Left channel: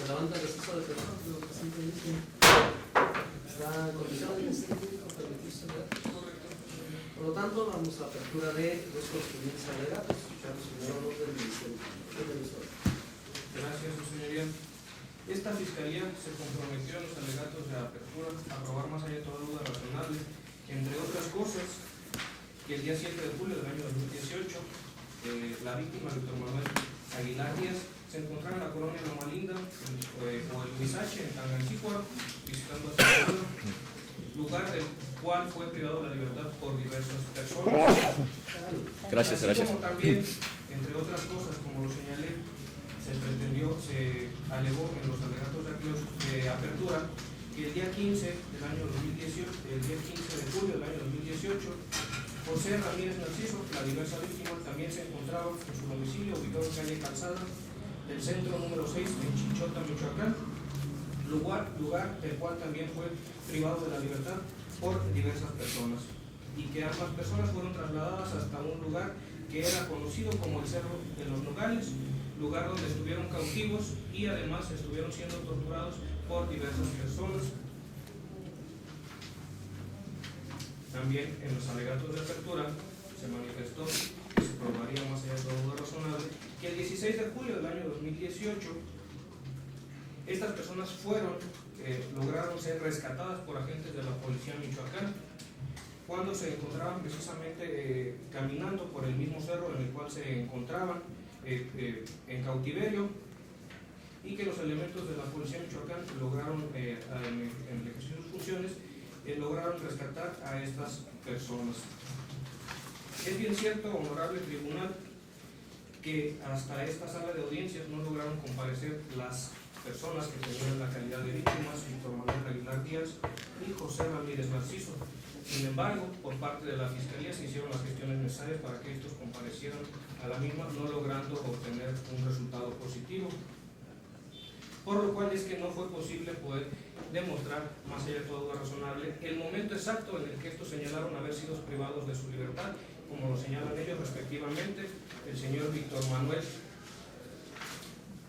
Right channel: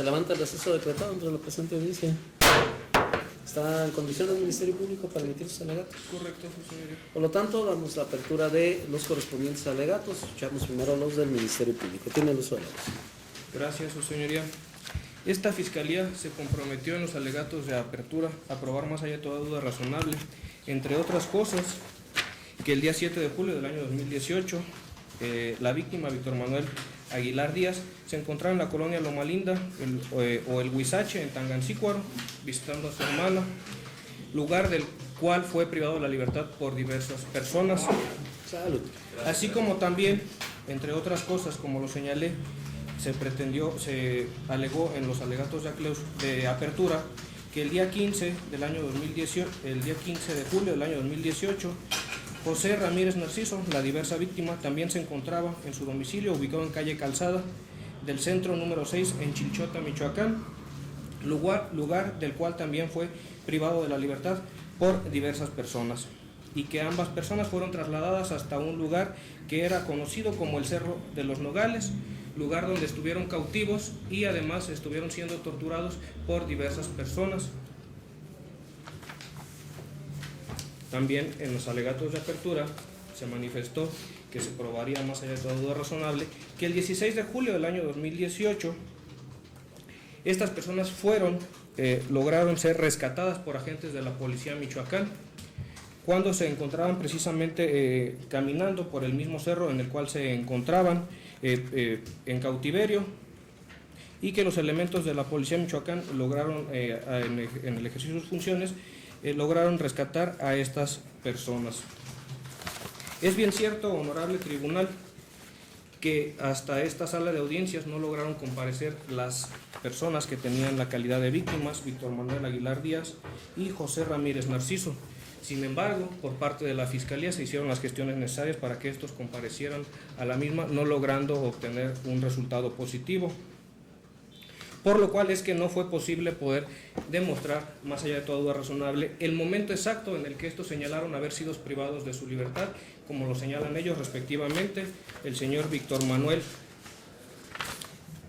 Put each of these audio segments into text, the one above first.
Se levanta el receso decretado entre la presente audiencia. ¿Está en condición el Ministerio Público para emitir sus alegatos? Correcto, señoría. Por lo tanto, damos la apertura de los correspondientes alegatos. Escuchamos primero los del Ministerio Público. Tiene el uso de la voz. Gracias, su señoría. Esta Fiscalía se comprometió en los alegatos de apertura a probar más allá de toda duda razonable, entre otras cosas, que el día 7 de julio del año 2018, la víctima, Víctor Manuel Aguilar Díaz, se encontraba en la colonia Loma Linda o el Huizache, en Tangancícuaro, visitando a su hermana, lugar del cual fue privado de la libertad por diversas personas. Así como también, entre otras cosas, como lo señalé, se alegó en los alegatos de apertura que el día 15 del año 2018, el día 15 de julio del año 2018, José Ramírez Narciso, la diversa víctima, también se encontraba en su domicilio ubicado en calle Calzada del centro número 6 en Chilchota, Michoacán, lugar del cual también fue privado de la libertad por diversas personas, y que ambas personas fueron trasladadas hasta un lugar que era conocido como el Cerro de los Nogales, lugar donde estuvieron cautivos y además estuvieron siendo torturados por diversas personas. También en los alegatos de apertura se manifestó que se probaría más allá de toda duda razonable que el 16 de julio del año 2018 estas personas lograron ser rescatadas por agentes de la Policía Michoacán cuando se encontraban precisamente caminando por el mismo cerro en el cual se encontraban en cautiverio, y que los elementos de la Policía Michoacán lograron, en el ejercicio de sus funciones, lograron rescatar a estas personas. Es bien cierto, honorable tribunal, que hasta esta sala de audiencias no lograron comparecer las personas que tenían la calidad de víctimas, Víctor Manuel Aguilar Díaz y José Ramírez Narciso. Sin embargo, por parte de la Fiscalía se hicieron las gestiones necesarias para que estos comparecieran a la misma, no logrando obtener un resultado positivo, por lo cual es que no fue posible poder demostrar, más allá de toda duda razonable, el momento exacto en el que estos señalaron haber sido privados de su libertad, como lo señalan ellos respectivamente, el señor Víctor Manuel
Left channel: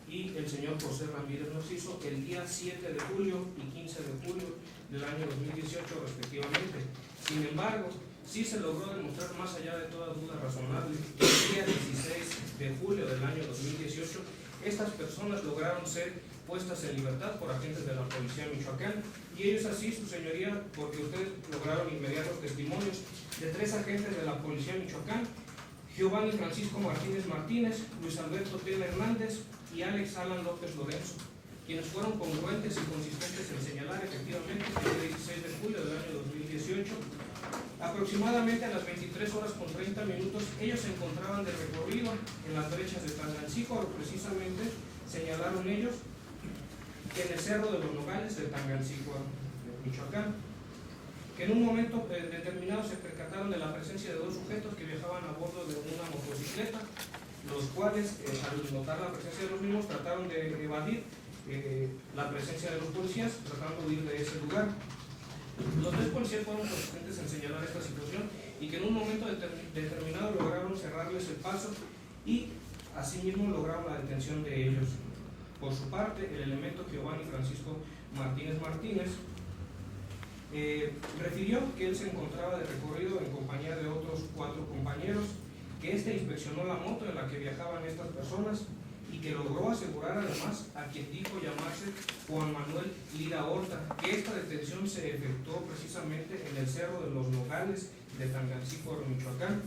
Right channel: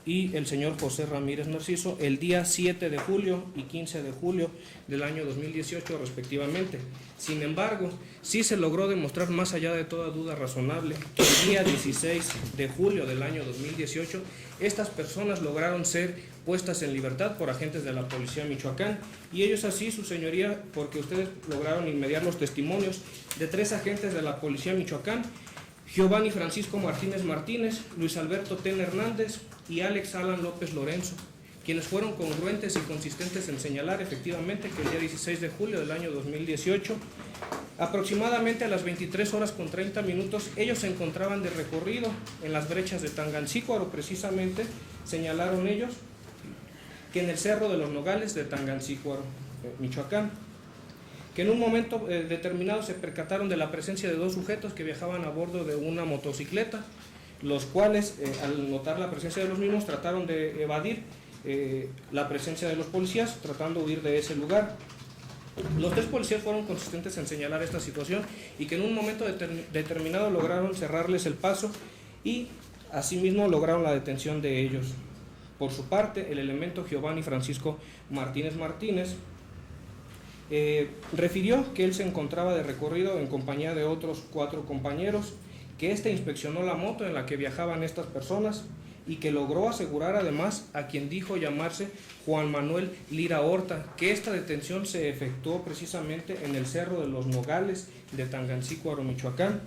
y el señor José Ramírez Narciso, el día 7 de julio y 15 de julio del año 2018 respectivamente. Sin embargo, sí se logró demostrar, más allá de toda duda razonable, que el día 16 de julio del año 2018 estas personas lograron ser puestas en libertad por agentes de la Policía Michoacán, y ellos así, su señoría, porque ustedes lograron inmediar los testimonios de 3 agentes de la Policía Michoacán: Giovanni Francisco Martínez Martínez, Luis Alberto Ten Hernández y Alex Alan López Lorenzo, quienes fueron congruentes y consistentes en señalar efectivamente que el día 16 de julio del año 2018, aproximadamente a las 23:30, ellos se encontraban de recorrido en las brechas de Tangancícuaro, precisamente señalaron ellos que en el Cerro de los Nogales de Tangancícuaro, Michoacán, que en un momento determinado se percataron de la presencia de 2 sujetos que viajaban a bordo de una motocicleta, los cuales, al notar la presencia de los mismos, trataron de evadir la presencia de los policías, tratando de huir de ese lugar. Los 3 policías fueron consistentes en señalar esta situación y que en un momento determinado lograron cerrarles el paso y asimismo lograron la detención de ellos. Por su parte, el elemento Giovanni Francisco Martínez refirió que él se encontraba de recorrido en compañía de otros 4 compañeros, que inspeccionó la moto en la que viajaban estas personas y que logró asegurar además a quien dijo llamarse Juan Manuel Lira Horta, que esta detención se efectuó precisamente en el Cerro de los Nogales de Tangancícuaro, Michoacán,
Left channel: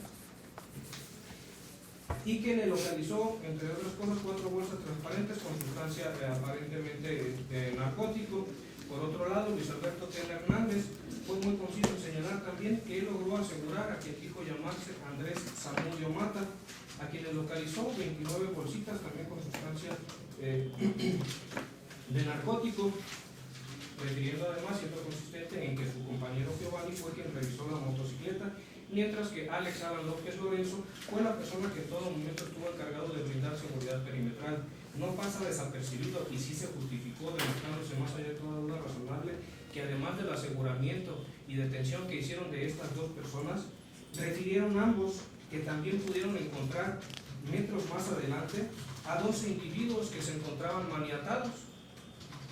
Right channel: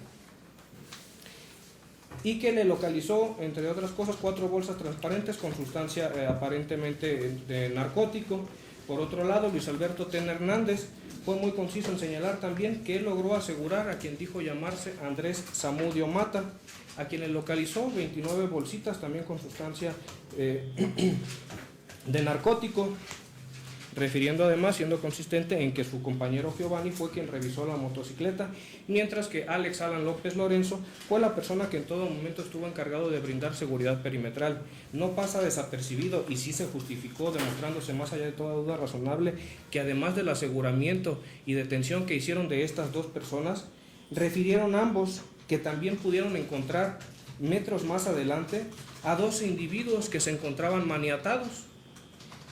y que le localizó, entre otras cosas, 4 bolsas transparentes con sustancia aparentemente de narcótico. Por otro lado, Luis Alberto Ten Hernández fue muy conciso en señalar también que él logró asegurar a quien dijo llamarse Andrés Zamudio Mata, a quien le localizó 29 bolsitas también con sustancia de narcótico, refiriendo además, siendo consistente en que su compañero Giovanni fue quien revisó la motocicleta, mientras que Alex Alan López Lorenzo fue la persona que en todo momento estuvo encargado de brindar seguridad perimetral. No pasa desapercibido y sí se justificó, demostrándose más allá de toda duda razonable que además del aseguramiento y detención que hicieron de estas 2 personas, refirieron ambos que también pudieron encontrar metros más adelante a 12 individuos que se encontraban maniatados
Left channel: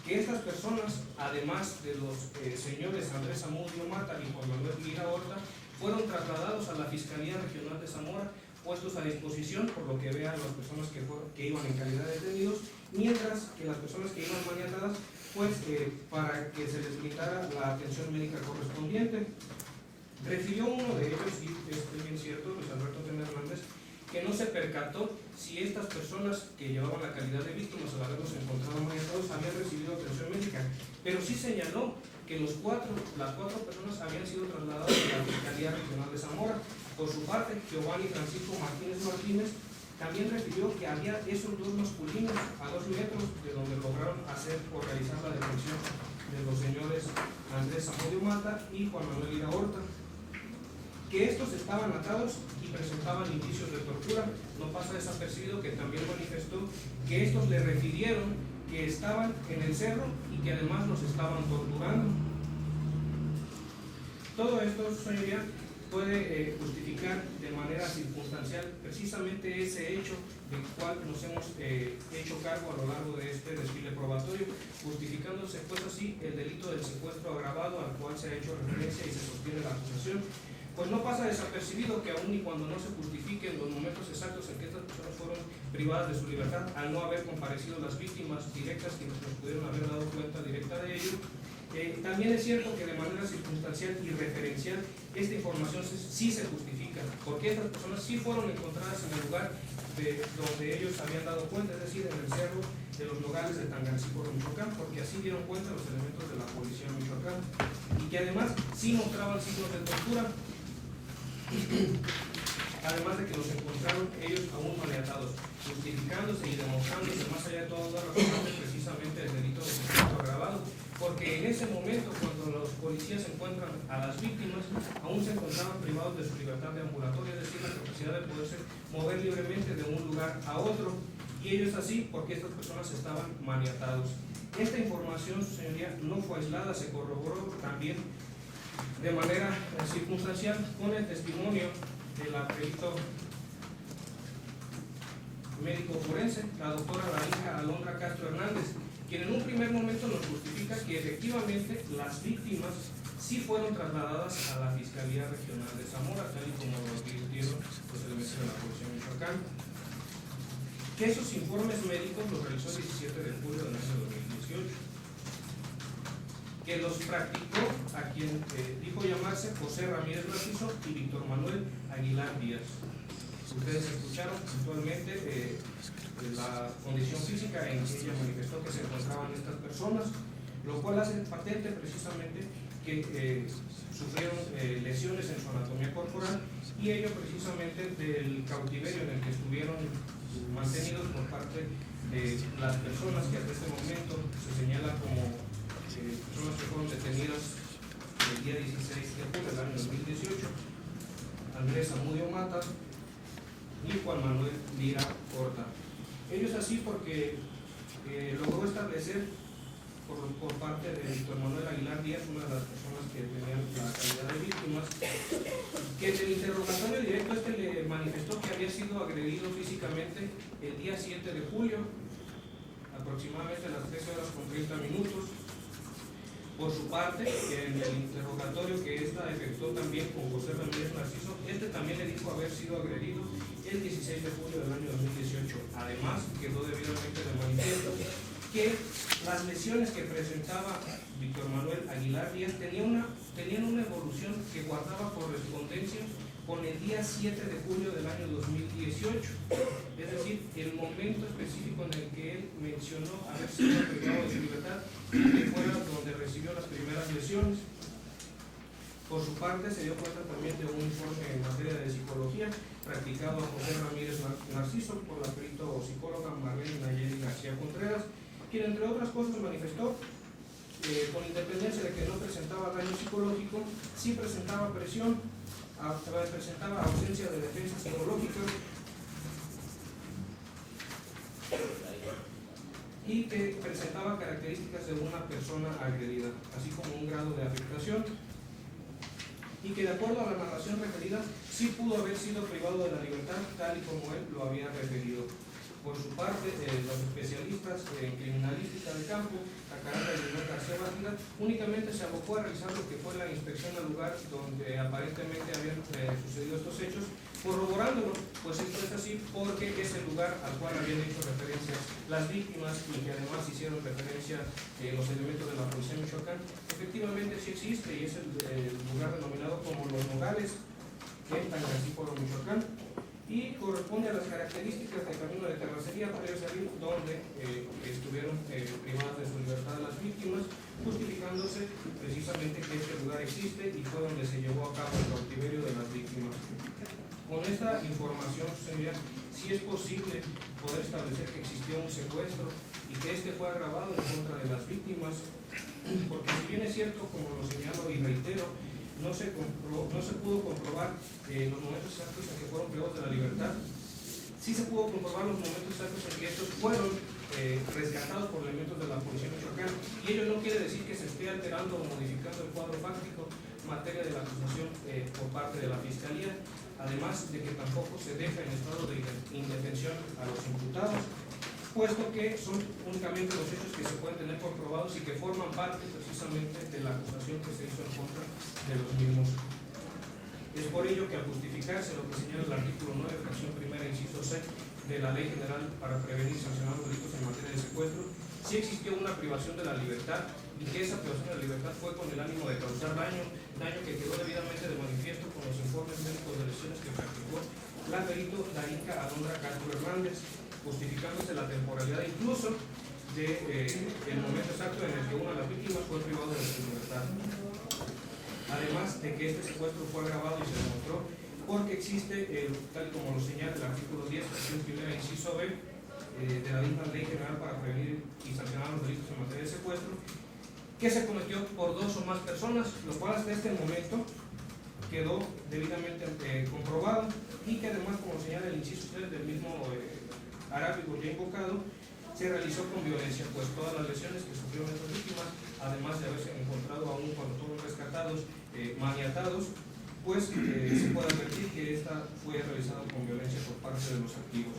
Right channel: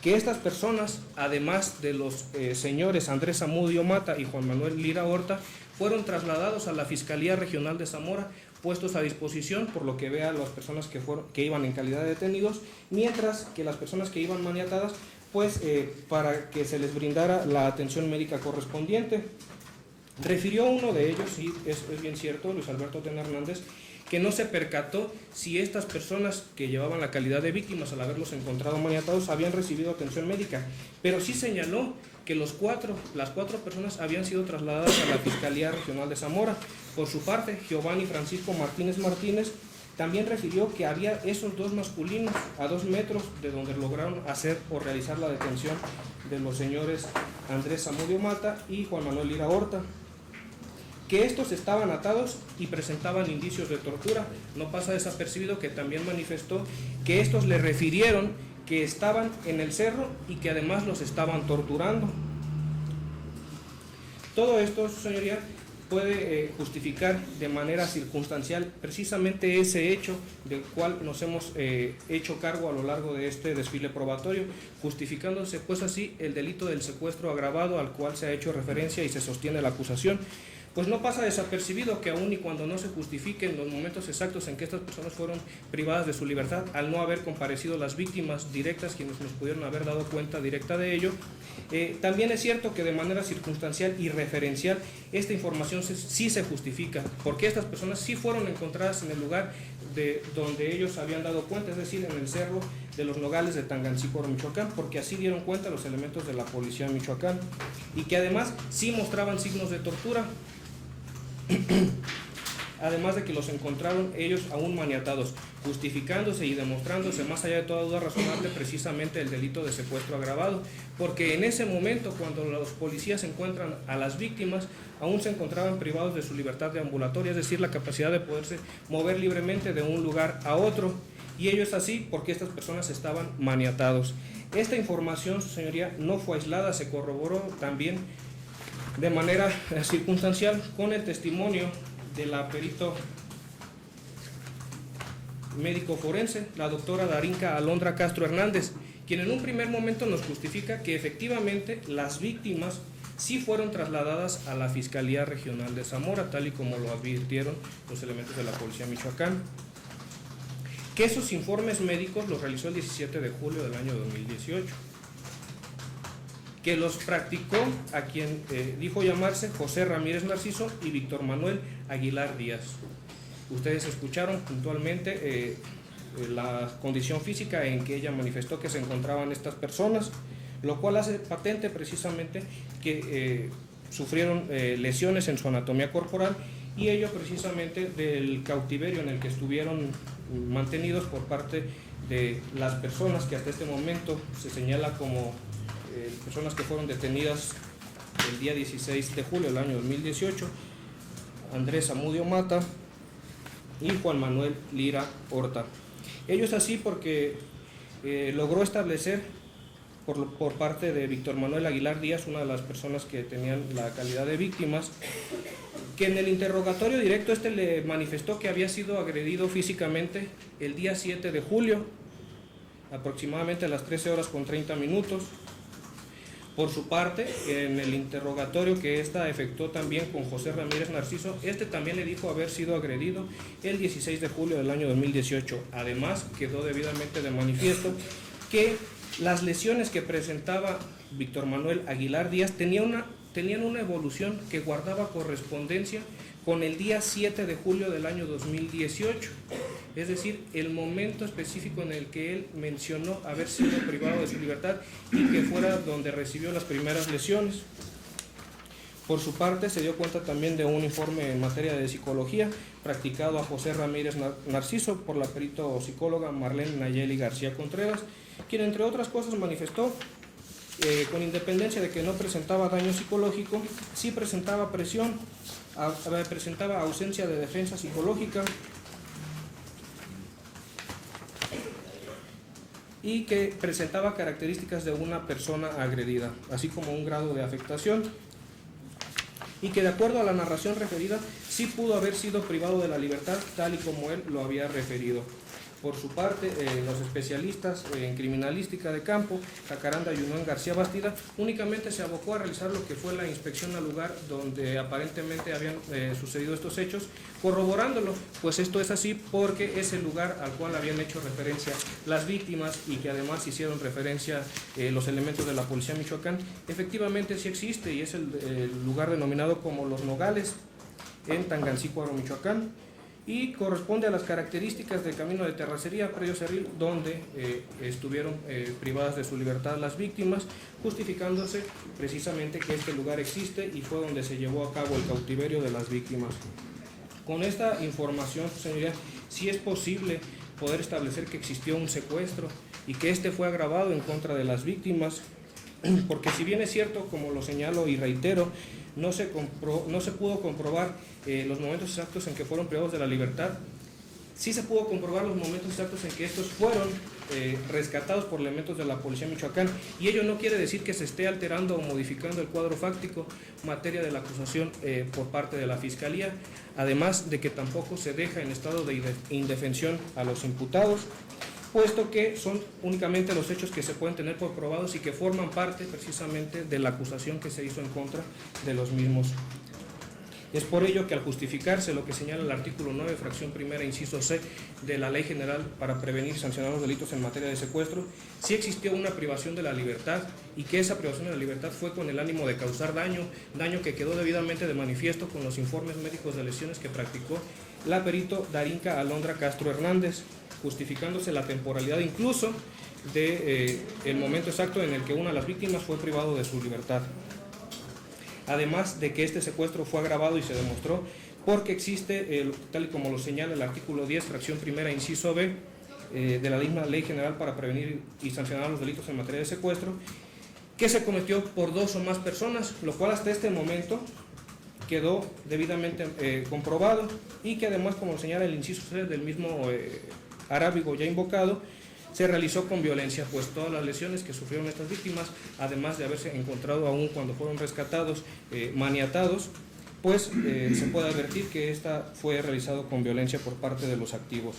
que estas personas, además de los señores Andrés Zamudio Mata y Juan Manuel Lira Horta, fueron trasladados a la Fiscalía Regional de Zamora, puestos a disposición por lo que vean las personas que iban en calidad de detenidos, mientras que las personas que iban maniatadas, pues para que se les brindara la atención médica correspondiente. Refirió uno de ellos, y es bien cierto, Luis Alberto Tena Hernández, que no se percató si estas personas que llevaban la calidad de víctimas al haberlos encontrado maniatados habían recibido atención médica, pero sí señaló que las cuatro personas habían sido trasladadas a la Fiscalía Regional de Zamora. Por su parte, Giovanni Francisco Martínez también refirió que había esos dos masculinos a 2 metros de donde lograron hacer o realizar la detención de los señores Andrés Zamudio Mata y Juan Manuel Lira Horta, que estos estaban atados y presentaban indicios de tortura. No pasa desapercibido que también manifestó que estos le refirieron que estaban en el cerro y que además los estaban torturando. Todo esto, señoría, puede justificar de manera circunstancial precisamente ese hecho del cual nos hemos hecho cargo a lo largo de este desfile probatorio, justificándose pues así el delito del secuestro agravado al cual se ha hecho referencia y se sostiene la acusación. Pues no pasa desapercibido que aun y cuando no se justifiquen los momentos exactos en que estas personas fueron privadas de su libertad, al no haber comparecido las víctimas directas, quienes nos pudieron haber dado cuenta directa de ello, también es cierto que de manera circunstancial y referencial esta información sí se justifica, porque estas personas sí fueron encontradas en el lugar donde ellos habían dado cuenta, es decir, en el cerro de los Nogales de Tangancíparo, Michoacán, porque así dieron cuenta los elementos de la policía de Michoacán, y que además sí mostraban signos de tortura, además de que los encontraron ellos aún maniatados, justificándose y demostrándose más allá de toda duda razonable precisamente el delito de secuestro agravado, porque en ese momento, cuando los policías encuentran a las víctimas, aún se encontraban privados de su libertad deambulatoria, es decir, la capacidad de poderse mover libremente de un lugar a otro, y ello es así porque estas personas estaban maniatados. Esta información, señoría, no fue aislada, se corroboró también de manera circunstancial con el testimonio de la perito médico forense, la doctora Darinka Alondra Castro Hernández, quien en un primer momento nos justifica que efectivamente las víctimas sí fueron trasladadas a la Fiscalía Regional de Zamora, tal y como lo advirtieron los elementos de la Policía de Michoacán, que esos informes médicos los realizó el 17 de julio del año 2018, que los practicó a quien dijo llamarse José Ramírez Narciso y Víctor Manuel Aguilar Díaz. Ustedes escucharon puntualmente la condición física en que ella manifestó que se encontraban estas personas, lo cual hace patente precisamente que sufrieron lesiones en su anatomía corporal, y ello precisamente del cautiverio en el que estuvieron mantenidos por parte de las personas que hasta este momento se señala como personas que fueron detenidas el día 16 de julio del año 2018, Andrés Zamudio Mata y Juan Manuel Lira Horta. Ello es así porque logró establecer por parte de Víctor Manuel Aguilar Díaz, una de las personas que tenían la calidad de víctimas, que en el interrogatorio directo le manifestó que había sido agredido físicamente el día 7 de julio, aproximadamente a las 13:30. Por su parte, en el interrogatorio que ésta efectuó también con José Ramírez Narciso, también le dijo haber sido agredido el 16 de julio del año 2018. Además, quedó debidamente de manifiesto que las lesiones que presentaba Víctor Manuel Aguilar Díaz tenían una evolución que guardaba correspondencia con el día 7 de julio del año 2018, es decir, el momento específico en el que él mencionó haber sido privado de su libertad y que fuera donde recibió las primeras lesiones. Por su parte, se dio cuenta también de un informe en materia de psicología practicado a José Ramírez Narciso por la perito psicóloga Marlene Nayeli García Contreras, quien entre otras cosas manifestó con independencia de que no presentaba daño psicológico, sí presentaba presión, presentaba ausencia de defensa psicológica y que presentaba características de una persona agredida, así como un grado de afectación, y que de acuerdo a la narración referida sí pudo haber sido privado de la libertad tal y como él lo había referido. Por su parte, los especialistas en criminalística de campo, Jacaranda y Manuel García Bastida, únicamente se abocó a realizar lo que fue la inspección al lugar donde aparentemente habían sucedido estos hechos, corroborándolo, pues esto es así porque es el lugar al cual habían hecho referencia las víctimas y que además hicieron referencia los elementos de la Policía de Michoacán. Efectivamente sí existe y es el lugar denominado como Los Nogales en Tangancícuaro, Michoacán, y corresponde a las características del camino de terracería Predio Cerril, donde estuvieron privadas de su libertad las víctimas, justificándose precisamente que este lugar existe y fue donde se llevó a cabo el cautiverio de las víctimas. Con esta información, señoría, sí es posible poder establecer que existió un secuestro y que este fue agravado en contra de las víctimas, porque si bien es cierto, como lo señalo y reitero, no se pudo comprobar los momentos exactos en que fueron privados de la libertad, sí se pudo comprobar los momentos exactos en que estos fueron rescatados por elementos de la Policía de Michoacán, y ello no quiere decir que se esté alterando o modificando el cuadro fáctico materia de la acusación por parte de la Fiscalía, además de que tampoco se deja en estado de indefensión a los imputados, puesto que son únicamente los hechos que se pueden tener por probados y que forman parte precisamente de la acusación que se hizo en contra de los mismos. Es por ello que al justificarse lo que señala el artículo 9, fracción primera, inciso C, de la Ley General para prevenir y sancionar los delitos en materia de secuestro, sí existió una privación de la libertad y que esa privación de la libertad fue con el ánimo de causar daño que quedó debidamente de manifiesto con los informes médicos de lesiones que practicó la perito Darinka Alondra Castro Hernández, justificándose la temporalidad incluso de el momento exacto en el que una de las víctimas fue privado de su libertad. Además de que este secuestro fue agravado y se demostró porque existe, tal y como lo señala el artículo 10, fracción primera, inciso B, de la misma Ley General para prevenir y sancionar los delitos en materia de secuestro, que se cometió por 2 o más personas, lo cual hasta este momento quedó debidamente comprobado y que además, como señala el inciso C del mismo arábigo ya invocado, se realizó con violencia, pues todas las lesiones que sufrieron estas víctimas, además de haberse encontrado aún cuando fueron rescatados, maniatados, pues se puede advertir que esta fue realizada con violencia por parte de los activos.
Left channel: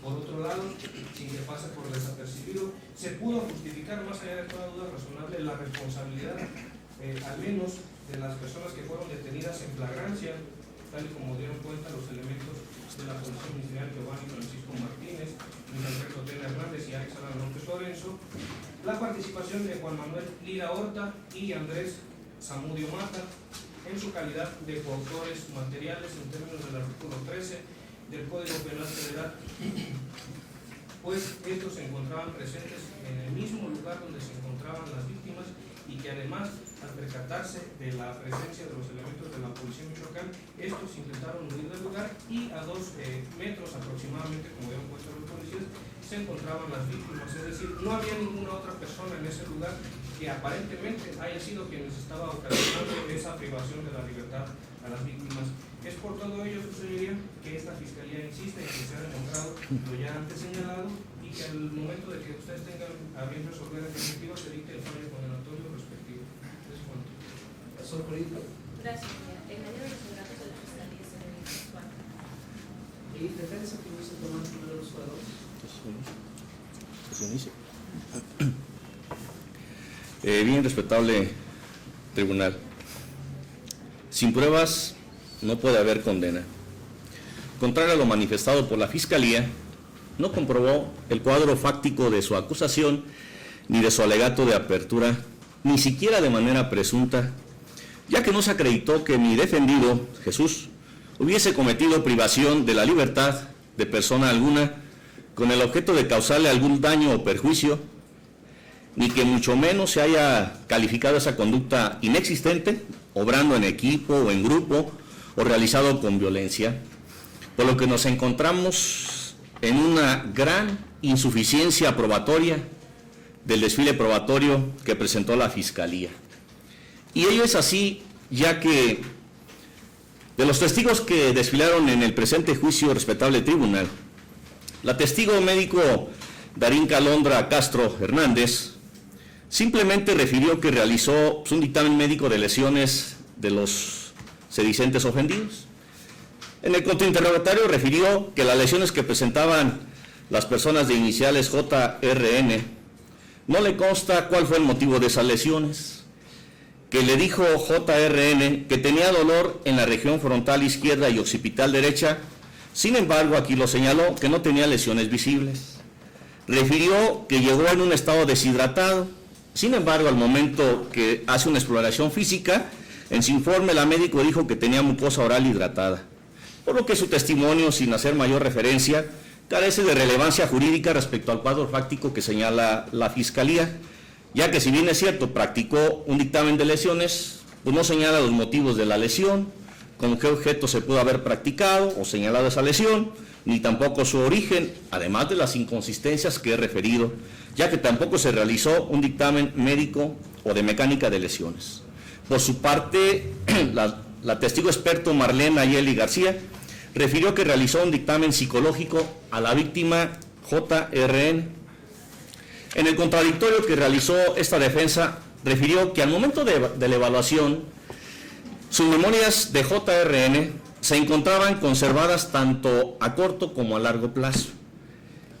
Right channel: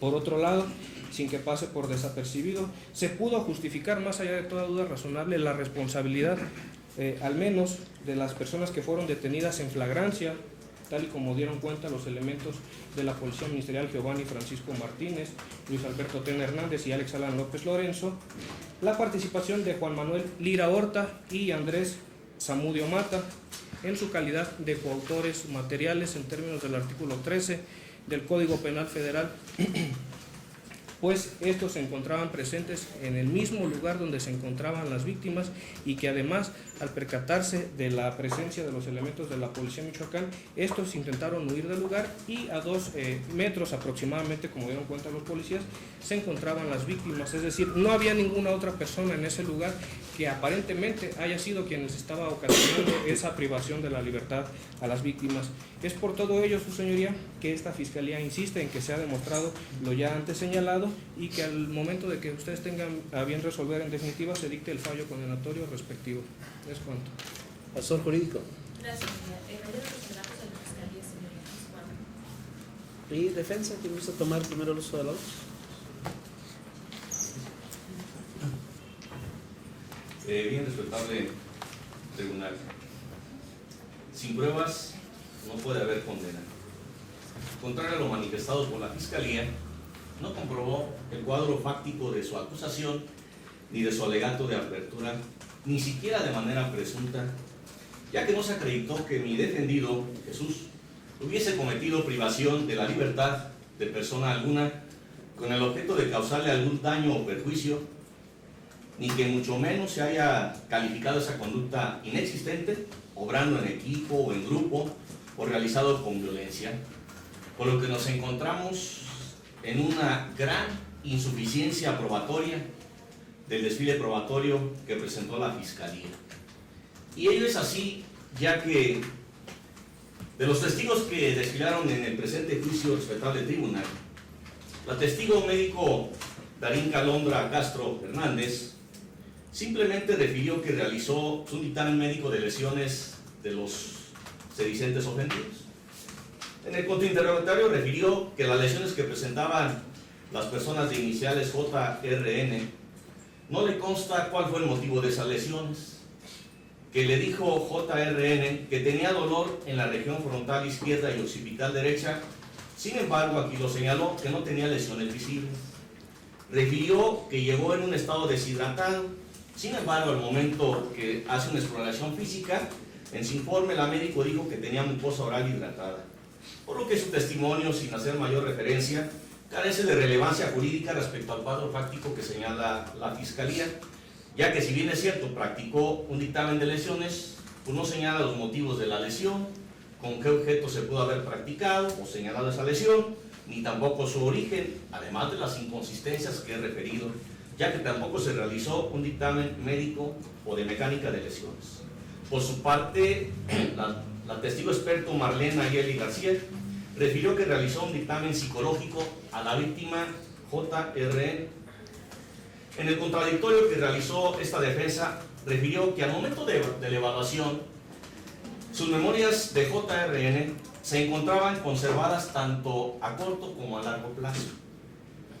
Por otro lado, sin que pase por desapercibido, se pudo justificar más allá de toda duda razonable la responsabilidad, al menos de las personas que fueron detenidas en flagrancia, tal y como dieron cuenta los elementos de la Policía Ministerial Giovanni Francisco Martínez, Luis Alberto Tena Hernández y Alex Alan López Lorenzo, la participación de Juan Manuel Lira Horta y Andrés Zamudio Mata en su calidad de coautores materiales en términos del artículo 13 del Código Penal Federal, pues estos se encontraban presentes en el mismo lugar donde se encontraban las víctimas y que además, al percatarse de la presencia de los elementos de la Policía de Michoacán, estos intentaron huir del lugar y a 2 metros aproximadamente, como dieron cuenta los policías, se encontraban las víctimas, es decir, no había ninguna otra persona en ese lugar que aparentemente haya sido quienes estaba ocasionando esa privación de la libertad a las víctimas. Es por todo ello, su señoría, que esta Fiscalía insiste en que se ha demostrado lo ya antes señalado y que al momento de que ustedes tengan a bien resolver en definitiva se dicte el fallo condenatorio respectivo. Es cuanto. Asesor jurídico. Gracias, señor. En mayor de los relatos de la Fiscalía, señor. ¿Y defensa? ¿Quién gusta tomar primero el uso de la voz? Bien, respetable tribunal. Sin pruebas no puede haber condena. Contrario a lo manifestado por la Fiscalía, no comprobó el cuadro fáctico de su acusación ni de su alegato de apertura, ni siquiera de manera presunta, ya que no se acreditó que mi defendido, Jesús, hubiese cometido privación de la libertad de persona alguna con el objeto de causarle algún daño o perjuicio, ni que mucho menos se haya calificado esa conducta inexistente, obrando en equipo o en grupo, o realizado con violencia, por lo que nos encontramos en una gran insuficiencia probatoria del desfile probatorio que presentó la Fiscalía. Y ello es así, ya que de los testigos que desfilaron en el presente juicio, respetable tribunal, la testigo médico Darinka Alondra Castro Hernández simplemente refirió que realizó un dictamen médico de lesiones de los sedicentes ofendidos. En el contrainterrogatorio refirió que las lesiones que presentaban las personas de iniciales JRN, no le consta cuál fue el motivo de esas lesiones, que le dijo JRN que tenía dolor en la región frontal izquierda y occipital derecha. Sin embargo, aquí lo señaló que no tenía lesiones visibles. Refirió que llegó en un estado deshidratado. Sin embargo, al momento que hace una exploración física, en su informe la médico dijo que tenía mucosa oral hidratada, por lo que su testimonio, sin hacer mayor referencia, carece de relevancia jurídica respecto al cuadro fáctico que señala la Fiscalía, ya que si bien es cierto, practicó un dictamen de lesiones, pues no señala los motivos de la lesión, con qué objeto se pudo haber practicado o señalado esa lesión, ni tampoco su origen, además de las inconsistencias que he referido, ya que tampoco se realizó un dictamen médico o de mecánica de lesiones. Por su parte, la testigo experto Marlene Ayeli García refirió que realizó un dictamen psicológico a la víctima JRN. En el contradictorio que realizó esta defensa, refirió que al momento de la evaluación, sus memorias de JRN se encontraban conservadas tanto a corto como a largo plazo,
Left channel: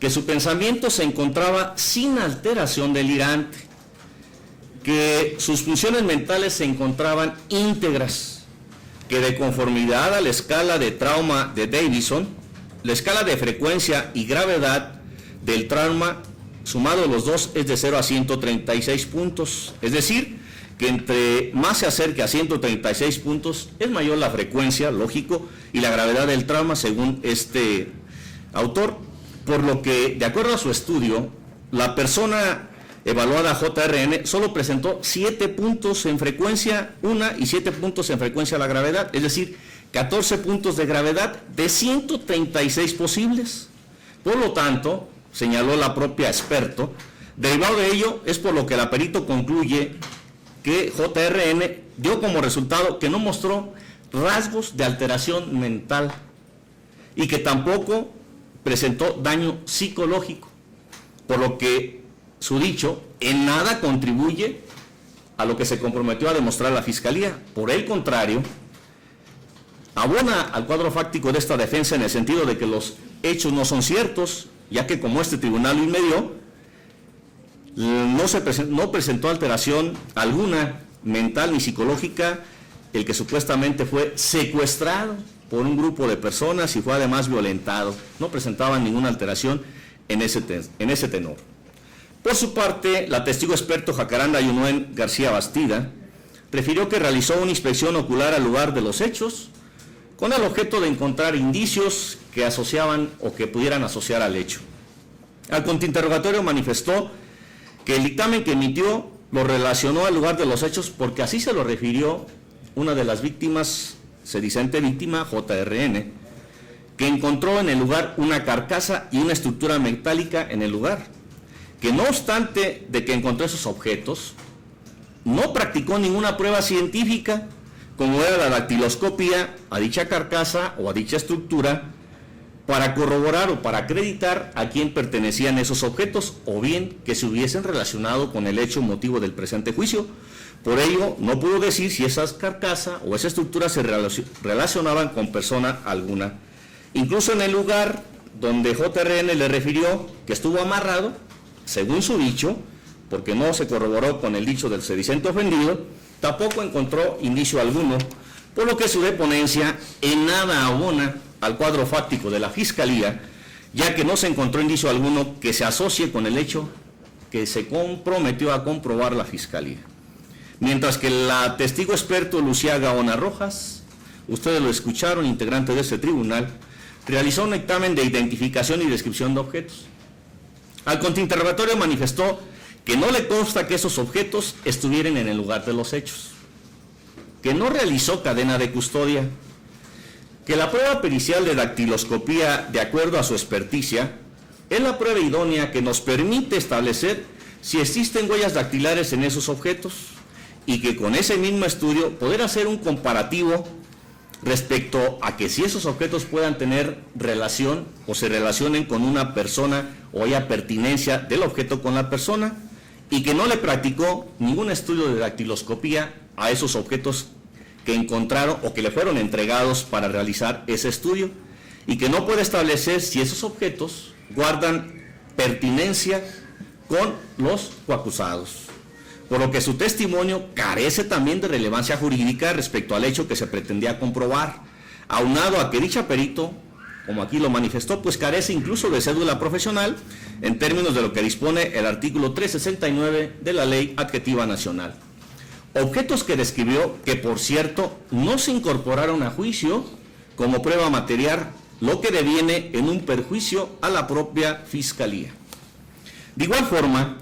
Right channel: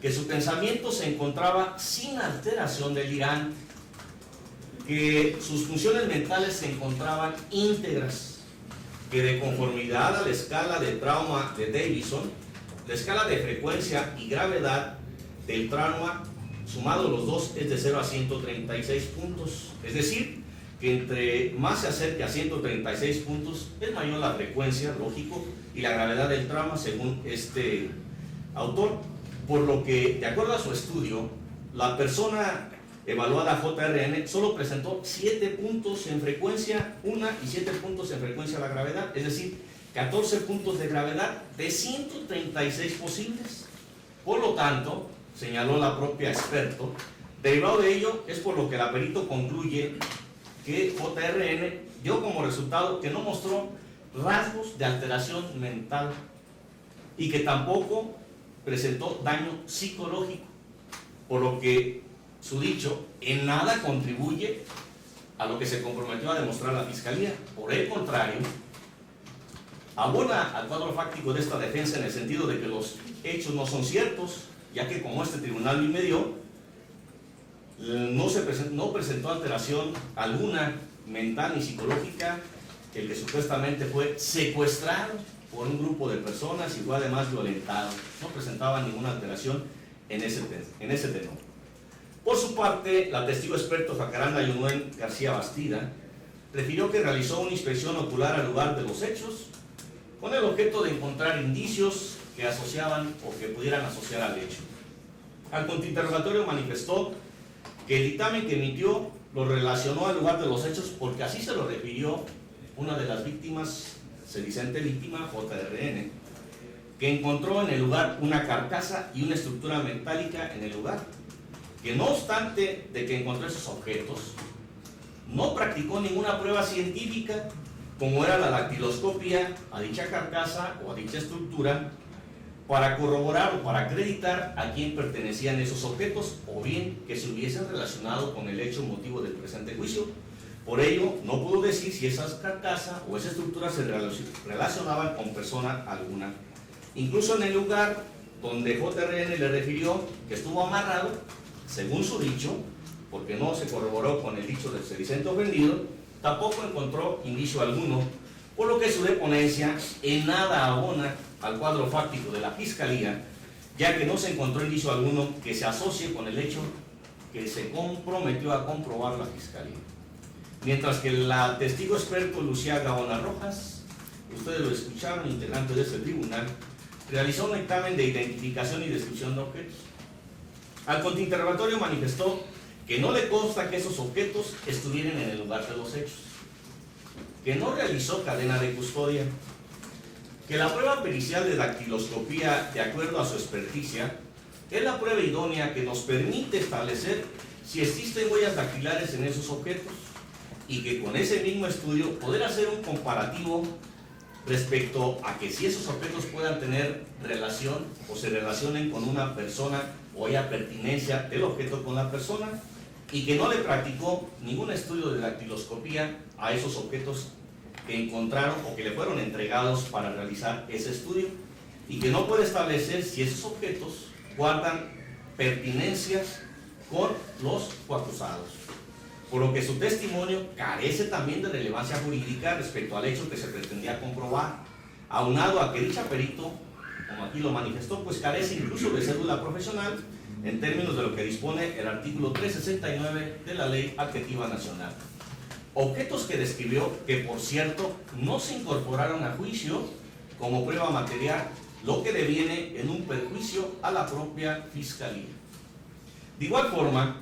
que su pensamiento se encontraba sin alteración delirante, que sus funciones mentales se encontraban íntegras, que de conformidad a la escala de trauma de Davison, la escala de frecuencia y gravedad del trauma, sumado los dos, es de 0 a 136 puntos, es decir, que entre más se acerque a 136 puntos, es mayor la frecuencia, lógico, y la gravedad del trauma, según este autor, por lo que, de acuerdo a su estudio, la persona evaluada JRN solo presentó 7 puntos en frecuencia una y 7 puntos en frecuencia a la gravedad, es decir, 14 puntos de gravedad de 136 posibles. Por lo tanto, señaló la propia experto, derivado de ello es por lo que la perito concluye que JRN dio como resultado que no mostró rasgos de alteración mental y que tampoco presentó daño psicológico, por lo que su dicho en nada contribuye a lo que se comprometió a demostrar la Fiscalía. Por el contrario, abona al cuadro fáctico de esta defensa en el sentido de que los hechos no son ciertos, ya que como este tribunal lo inmedió, no presentó alteración alguna mental ni psicológica el que supuestamente fue secuestrado por un grupo de personas y fue además violentado. No presentaba ninguna alteración en ese tenor. Por su parte, la testigo experto Jacaranda Yunuen García Bastida refirió que realizó una inspección ocular al lugar de los hechos con el objeto de encontrar indicios que asociaban o que pudieran asociar al hecho. Al contrainterrogatorio manifestó que el dictamen que emitió lo relacionó al lugar de los hechos porque así se lo refirió una de las víctimas, sedicente víctima, JRN, que encontró en el lugar una carcasa y una estructura metálica en el lugar, que no obstante de que encontró esos objetos, no practicó ninguna prueba científica, como era la dactiloscopia a dicha carcasa o a dicha estructura, para corroborar o para acreditar a quién pertenecían esos objetos, o bien que se hubiesen relacionado con el hecho motivo del presente juicio. Por ello, no pudo decir si esa carcasa o esa estructura se relacionaban con persona alguna. Incluso en el lugar donde JRN le refirió que estuvo amarrado, según su dicho, porque no se corroboró con el dicho del sedicente ofendido, tampoco encontró indicio alguno, por lo que su deponencia en nada abona al cuadro fáctico de la Fiscalía, ya que no se encontró indicio alguno que se asocie con el hecho que se comprometió a comprobar la Fiscalía. Mientras que la testigo experto Lucía Gaona Rojas, ustedes lo escucharon, integrante de este tribunal, realizó un dictamen de identificación y descripción de objetos. Al contrainterrogatorio manifestó que no le consta que esos objetos estuvieran en el lugar de los hechos, que no realizó cadena de custodia, que la prueba pericial de dactiloscopía, de acuerdo a su experticia, es la prueba idónea que nos permite establecer si existen huellas dactilares en esos objetos y que con ese mismo estudio poder hacer un comparativo respecto a que si esos objetos puedan tener relación o se relacionen con una persona o haya pertinencia del objeto con la persona, y que no le practicó ningún estudio de dactiloscopía a esos objetos que encontraron o que le fueron entregados para realizar ese estudio, y que no puede establecer si esos objetos guardan pertinencia con los coacusados, por lo que su testimonio carece también de relevancia jurídica respecto al hecho que se pretendía comprobar, aunado a que dicha perito, como aquí lo manifestó, pues carece incluso de cédula profesional en términos de lo que dispone el artículo 369 de la Ley Adjetiva Nacional. Objetos que describió que, por cierto, no se incorporaron a juicio como prueba material, lo que deviene en un perjuicio a la propia Fiscalía. De igual forma,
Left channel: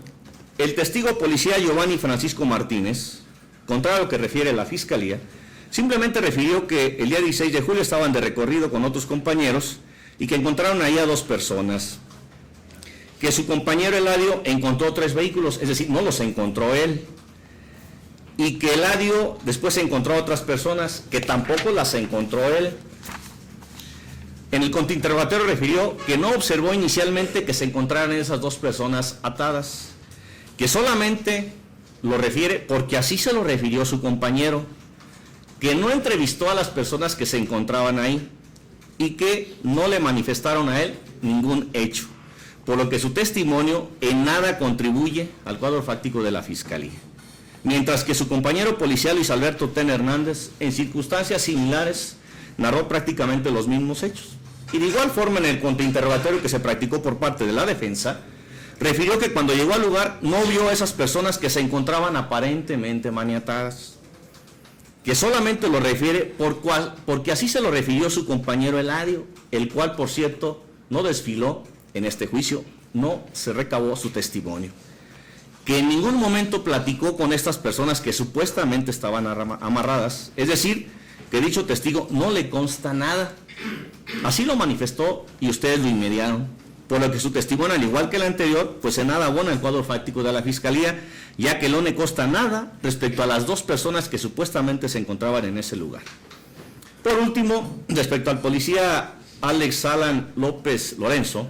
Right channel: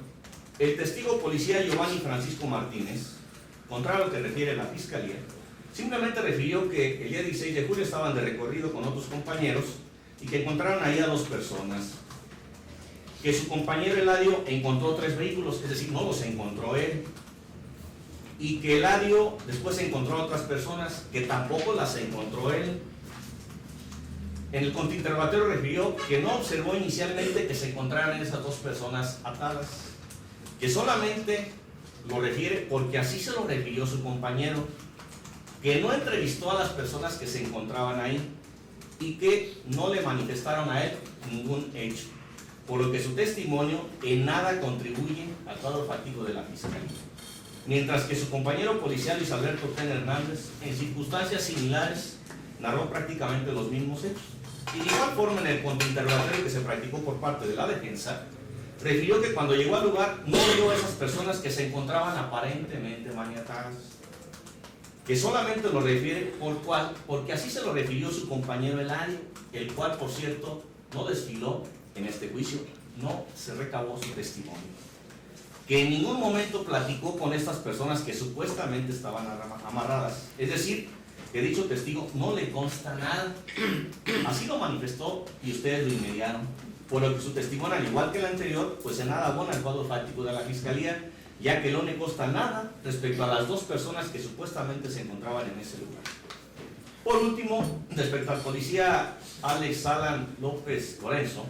el testigo policía Giovanni Francisco Martínez, contrario a lo que refiere la Fiscalía, simplemente refirió que el día 16 de julio estaban de recorrido con otros compañeros y que encontraron ahí a 2 personas, que su compañero Eladio encontró 3 vehículos, es decir, no los encontró él, y que Eladio después encontró a otras personas que tampoco las encontró él. En el contrainterrogatorio refirió que no observó inicialmente que se encontraran esas 2 personas atadas, que solamente lo refiere porque así se lo refirió su compañero, que no entrevistó a las personas que se encontraban ahí y que no le manifestaron a él ningún hecho, por lo que su testimonio en nada contribuye al cuadro fáctico de la Fiscalía. Mientras que su compañero policial Luis Alberto Tena Hernández, en circunstancias similares, narró prácticamente los mismos hechos. Y de igual forma, en el contrainterrogatorio que se practicó por parte de la defensa, refirió que cuando llegó al lugar no vio a esas personas que se encontraban aparentemente maniatadas, que solamente lo refiere porque así se lo refirió su compañero Eladio, el cual, por cierto, no desfiló en este juicio, no se recabó su testimonio, que en ningún momento platicó con estas personas que supuestamente estaban amarradas, es decir, que dicho testigo no le consta nada. Así lo manifestó y ustedes lo inmediaron, por lo que su testimonio, al igual que el anterior, pues en nada abona el cuadro fáctico de la Fiscalía, ya que no le consta nada respecto a las 2 personas que supuestamente se encontraban en ese lugar. Por último, respecto al policía Alex Alan López Lorenzo,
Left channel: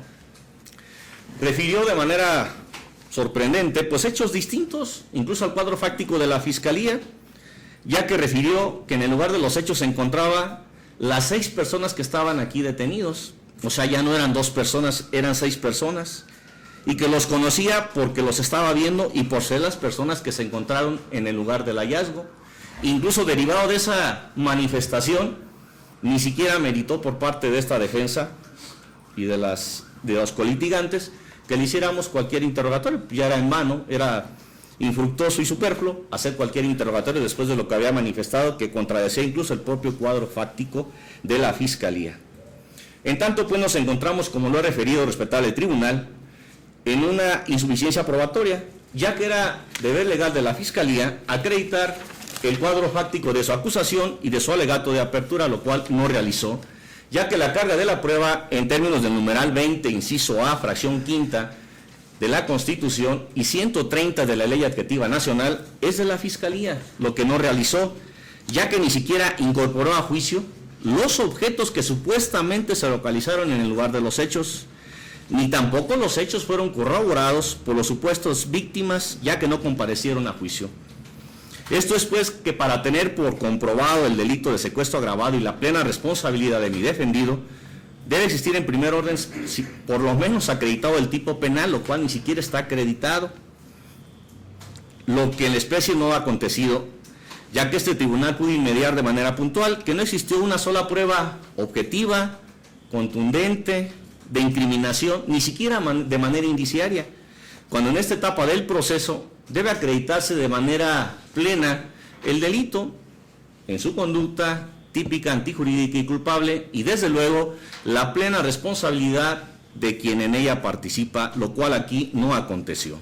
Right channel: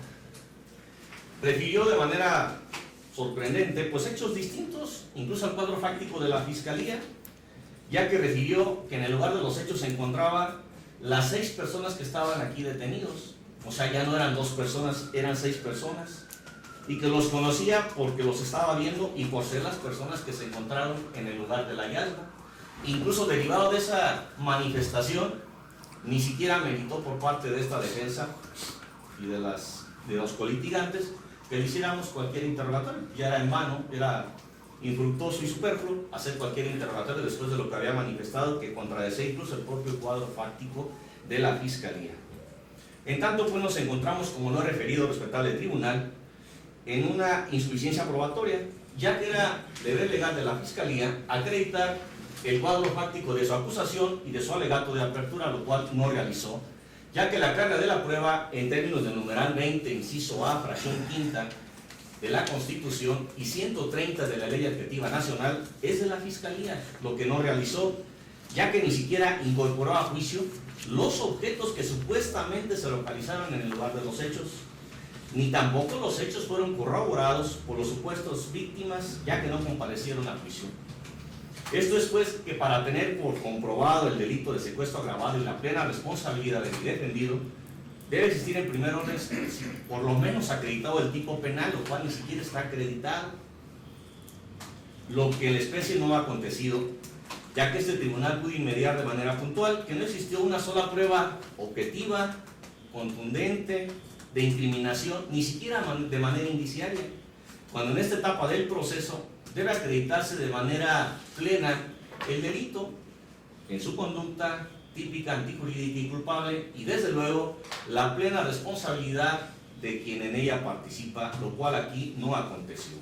refirió de manera sorprendente, pues hechos distintos, incluso al cuadro fáctico de la Fiscalía, ya que refirió que en el lugar de los hechos se encontraba las 6 personas que estaban aquí detenidos, o sea, ya no eran 2 personas, eran 6 personas, y que los conocía porque los estaba viendo y por ser las personas que se encontraron en el lugar del hallazgo. Incluso derivado de esa manifestación, ni siquiera meritó por parte de esta defensa y de los colitigantes que le hiciéramos cualquier interrogatorio, ya era en vano, era infructuoso y superfluo hacer cualquier interrogatorio después de lo que había manifestado, que contradecía incluso el propio cuadro fáctico de la Fiscalía. En tanto, pues nos encontramos, como lo he referido respetable tribunal, en una insuficiencia probatoria, ya que era deber legal de la Fiscalía acreditar el cuadro fáctico de su acusación y de su alegato de apertura, lo cual no realizó, ya que la carga de la prueba en términos del numeral 20, inciso A, fracción quinta de la Constitución y 130 de la Ley Adjetiva Nacional es de la Fiscalía, lo que no realizó, ya que ni siquiera incorporó a juicio los objetos que supuestamente se localizaron en el lugar de los hechos, ni tampoco los hechos fueron corroborados por los supuestos víctimas, ya que no comparecieron a juicio. Esto es pues que para tener por comprobado el delito de secuestro agravado y la plena responsabilidad de mi defendido, debe existir en primer orden por lo menos acreditado el tipo penal, lo cual ni siquiera está acreditado, lo que en la especie no ha acontecido, ya que este tribunal pudo inmediar de manera puntual que no existió una sola prueba objetiva, contundente, de incriminación, ni siquiera de manera indiciaria, cuando en esta etapa del proceso debe acreditarse de manera plena el delito en su conducta típica, antijurídica y culpable, y desde luego la plena responsabilidad de quien en ella participa, lo cual aquí no aconteció.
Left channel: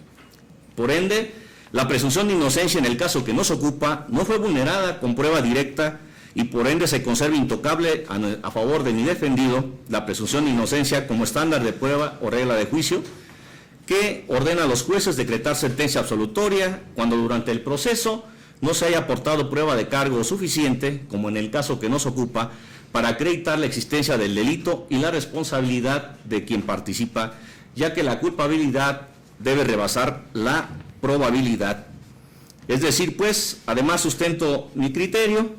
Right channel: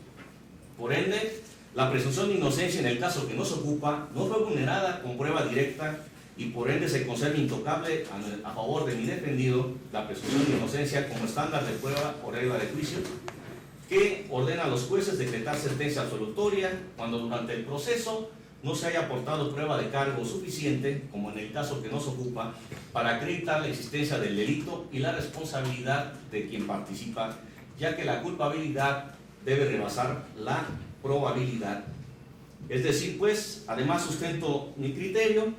Por ende, la presunción de inocencia en el caso que nos ocupa no fue vulnerada con prueba directa y por ende se conserva intocable a favor de mi defendido la presunción de inocencia como estándar de prueba o regla de juicio que ordena a los jueces decretar sentencia absolutoria cuando durante el proceso no se haya aportado prueba de cargo suficiente, como en el caso que nos ocupa, para acreditar la existencia del delito y la responsabilidad de quien participa, ya que la culpabilidad debe rebasar la probabilidad. Es decir, pues, además sustento mi criterio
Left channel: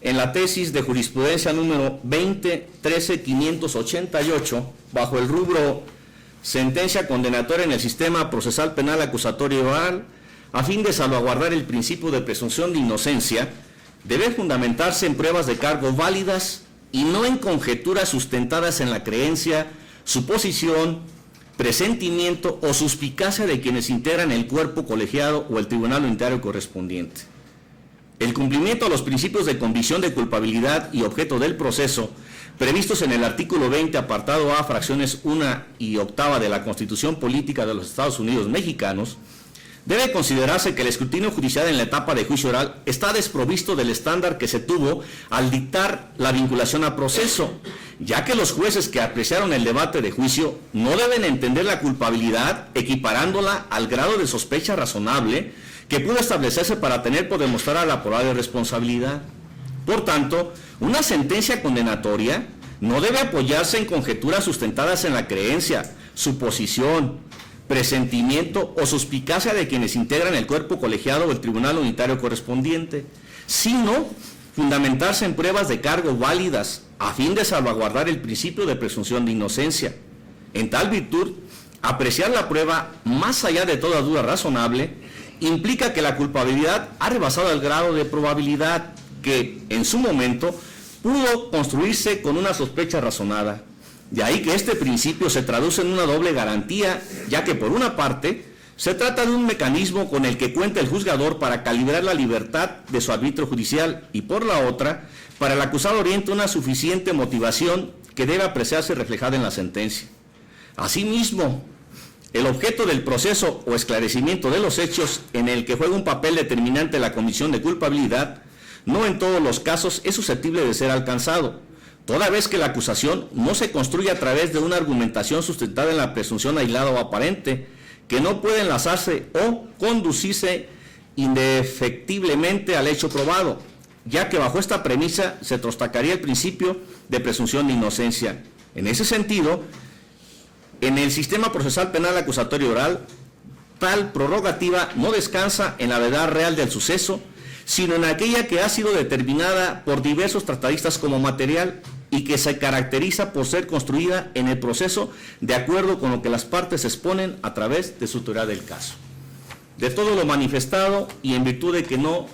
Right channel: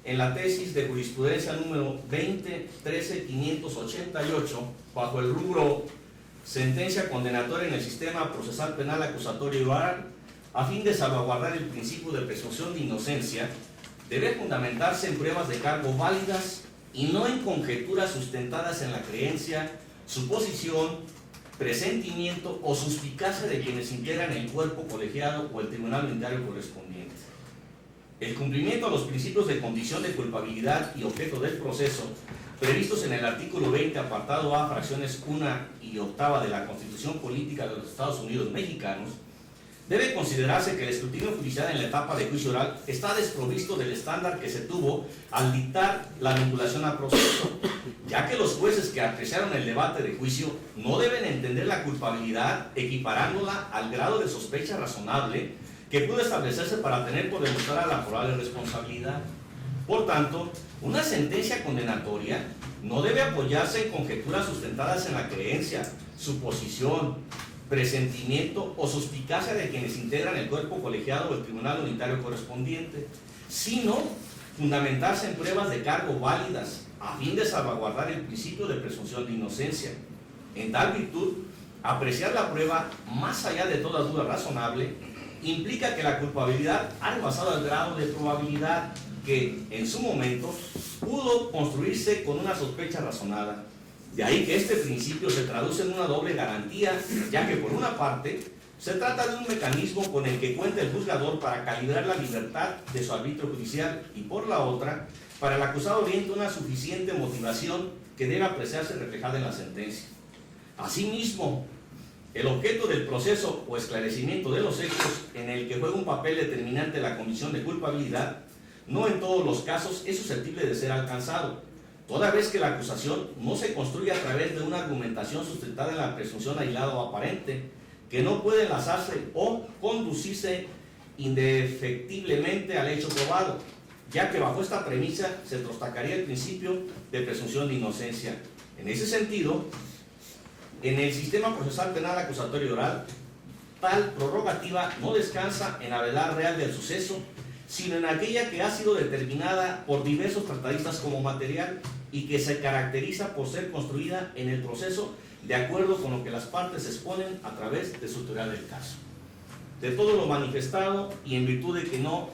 en la tesis de jurisprudencia número 20-13-588, bajo el rubro sentencia condenatoria en el sistema procesal penal acusatorio oral, a fin de salvaguardar el principio de presunción de inocencia, debe fundamentarse en pruebas de cargo válidas y no en conjeturas sustentadas en la creencia, suposición, presentimiento o suspicacia de quienes integran el cuerpo colegiado o el tribunal unitario correspondiente. El cumplimiento de los principios de convicción de culpabilidad y objeto del proceso, previstos en el artículo 20, apartado A, fracciones 1 y 8 de la Constitución Política de los Estados Unidos Mexicanos, debe considerarse que el escrutinio judicial en la etapa de juicio oral está desprovisto del estándar que se tuvo al dictar la vinculación a proceso, ya que los jueces que apreciaron el debate de juicio no deben entender la culpabilidad equiparándola al grado de sospecha razonable que pudo establecerse para tener por demostrar a la probable responsabilidad. Por tanto, una sentencia condenatoria no debe apoyarse en conjeturas sustentadas en la creencia, suposición, presentimiento o suspicacia de quienes integran el cuerpo colegiado o el tribunal unitario correspondiente, sino fundamentarse en pruebas de cargo válidas a fin de salvaguardar el principio de presunción de inocencia. En tal virtud, apreciar la prueba más allá de toda duda razonable implica que la culpabilidad ha rebasado el grado de probabilidad que, en su momento, pudo construirse con una sospecha razonada. De ahí que este principio se traduce en una doble garantía, ya que por una parte, se trata de un mecanismo con el que cuenta el juzgador para calibrar la libertad de su arbitrio judicial y por la otra, para el acusado oriente una suficiente motivación que debe apreciarse reflejada en la sentencia. Asimismo, el objeto del proceso o esclarecimiento de los hechos en el que juega un papel determinante la comisión de culpabilidad, no en todos los casos es susceptible de ser alcanzado, toda vez que la acusación no se construye a través de una argumentación sustentada en la presunción aislada o aparente, que no puede enlazarse o conducirse indefectiblemente al hecho probado, ya que bajo esta premisa se trostacaría el principio de presunción de inocencia. En ese sentido, en el sistema procesal penal acusatorio oral, tal prerrogativa no descansa en la verdad real del suceso, sino en aquella que ha sido determinada por diversos tratadistas como material y que se caracteriza por ser construida en el proceso de acuerdo con lo que las partes exponen a través de su teoría del caso. De todo lo manifestado y en virtud de que no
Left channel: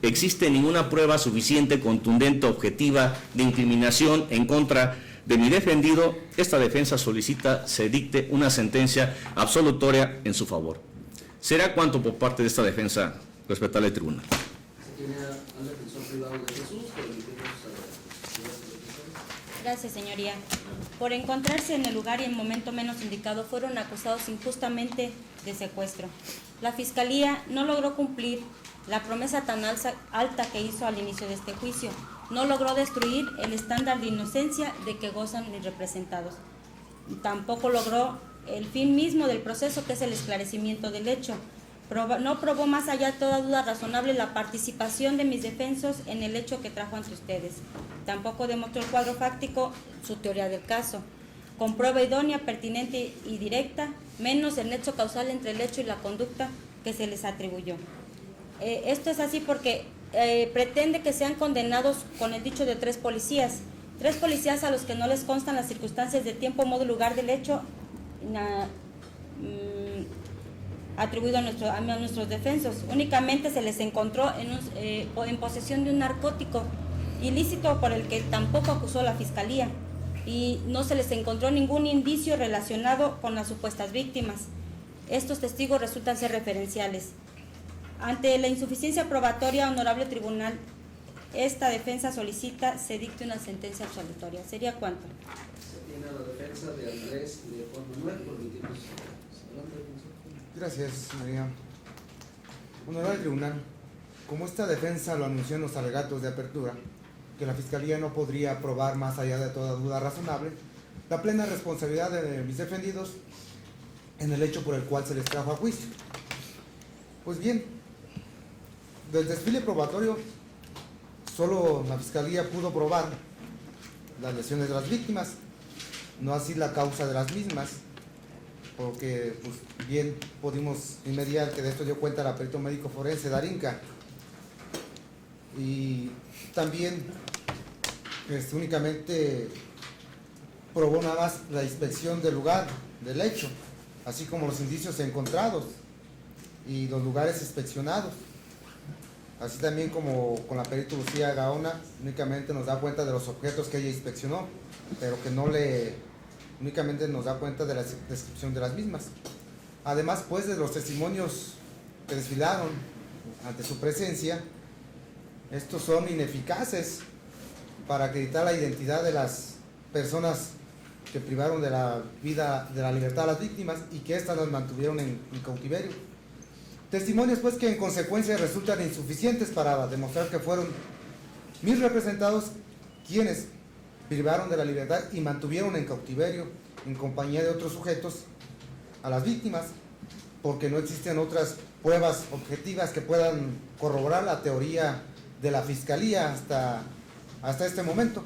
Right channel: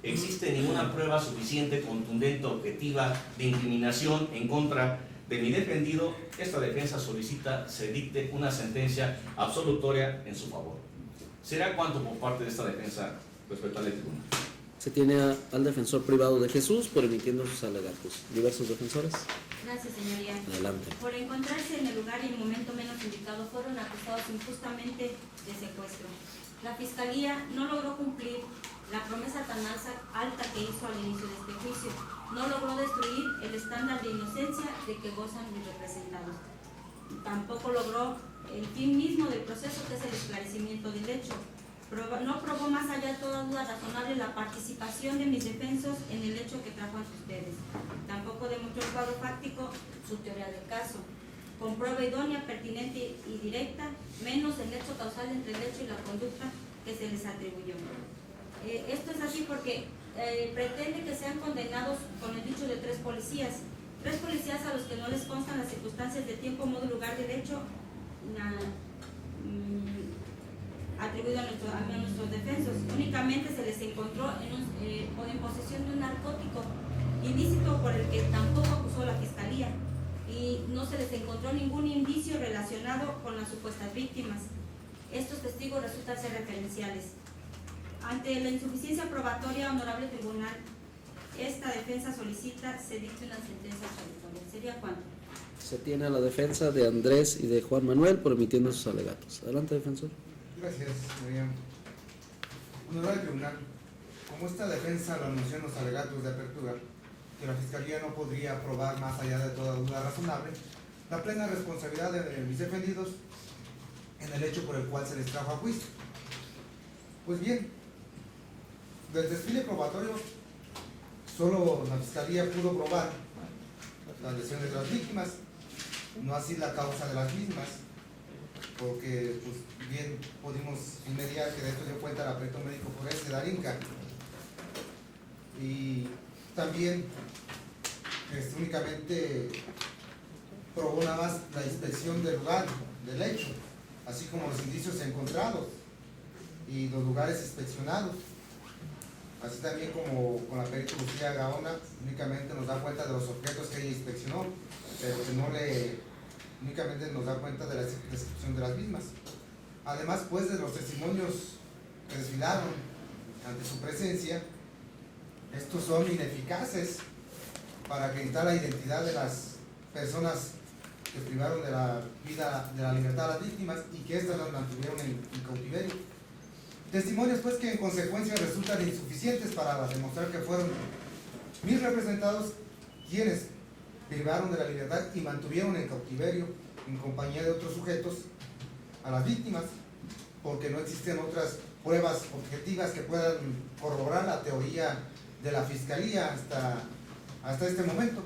existe ninguna prueba suficiente, contundente, objetiva de incriminación en contra de mi defendido, esta defensa solicita se dicte una sentencia absolutoria en su favor. Será cuanto por parte de esta defensa respetable tribunal. Se tiene al defensor privado de Jesús, permitiendo sus alegatos. Diversos defensores. Gracias, señoría. Adelante. Por encontrarse en el lugar y en momento menos indicado, fueron acusados injustamente de secuestro. La Fiscalía no logró cumplir la promesa tan alta que hizo al inicio de este juicio. No logró destruir el estándar de inocencia de que gozan mis representados. Tampoco logró el fin mismo del proceso, que es el esclarecimiento del hecho. No probó más allá de toda duda razonable la participación de mis defensos en el hecho que trajo ante ustedes. Tampoco demostró el cuadro fáctico su teoría del caso, con prueba idónea, pertinente y directa, menos el nexo causal entre el hecho y la conducta que se les atribuyó. Esto es así porque pretende que sean condenados con el dicho de tres policías a los que no les constan las circunstancias de tiempo, modo y lugar del hecho atribuido a nuestros defensos. Únicamente se les encontró en posesión de un narcótico ilícito por el que tampoco acusó la Fiscalía, y no se les encontró ningún indicio relacionado con las supuestas víctimas. Estos testigos resultan ser referenciales. Ante la insuficiencia probatoria, honorable tribunal, esta defensa solicita se dicte una sentencia absolutoria. ¿Sería cuánto? Se tiene a la defensa de Andrés y de Juan Manuel, permitiendo sus alegatos. Adelante, defensor. Gracias, María. Honorable tribunal, como esta defensa lo anunció en los alegatos de apertura, que la Fiscalía no podría probar más allá de toda duda razonable la plena responsabilidad de mis defendidos en el hecho por el cual se les trajo a juicio. Pues bien, del desfile probatorio, solo la Fiscalía pudo probar las lesiones de las víctimas, no así la causa de las mismas, porque pues, bien pudimos inmediar que de esto dio cuenta la perito médico forense Darinka, y también únicamente probó nada más la inspección del lugar del hecho, así como los indicios encontrados y los lugares inspeccionados. Así también como con la perito Lucía Gaona, únicamente nos da cuenta de los objetos que ella inspeccionó, pero que únicamente nos da cuenta de la descripción de las mismas. Además, pues, de los testimonios que desfilaron ante su presencia, estos son ineficaces para acreditar la identidad de las personas que privaron de la vida, de la libertad a las víctimas y que éstas las mantuvieron en cautiverio. Testimonios, pues, que en consecuencia resultan insuficientes para demostrar que fueron mis representados quienes privaron de la libertad y mantuvieron en cautiverio en compañía de otros sujetos a las víctimas, porque no existen otras pruebas objetivas que puedan corroborar la teoría de la Fiscalía hasta este momento.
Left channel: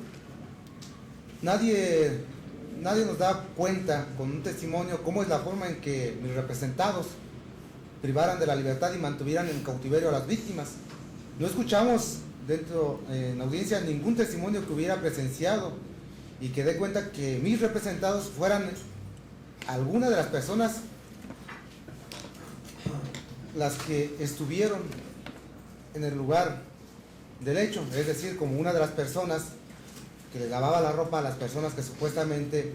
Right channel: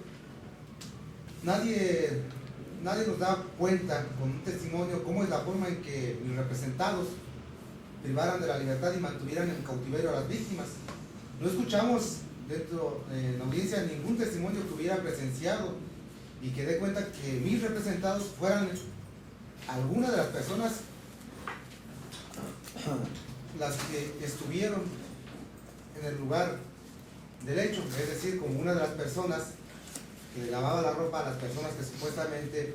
Nadie nos da cuenta con un testimonio cómo es la forma en que mis representados privaran de la libertad y mantuvieran en cautiverio a las víctimas. No escuchamos en la audiencia ningún testimonio que hubiera presenciado y que dé cuenta que mis representados fueran alguna de las personas las que estuvieron en el lugar del hecho, es decir, como una de las personas que le lavaba la ropa a las personas que supuestamente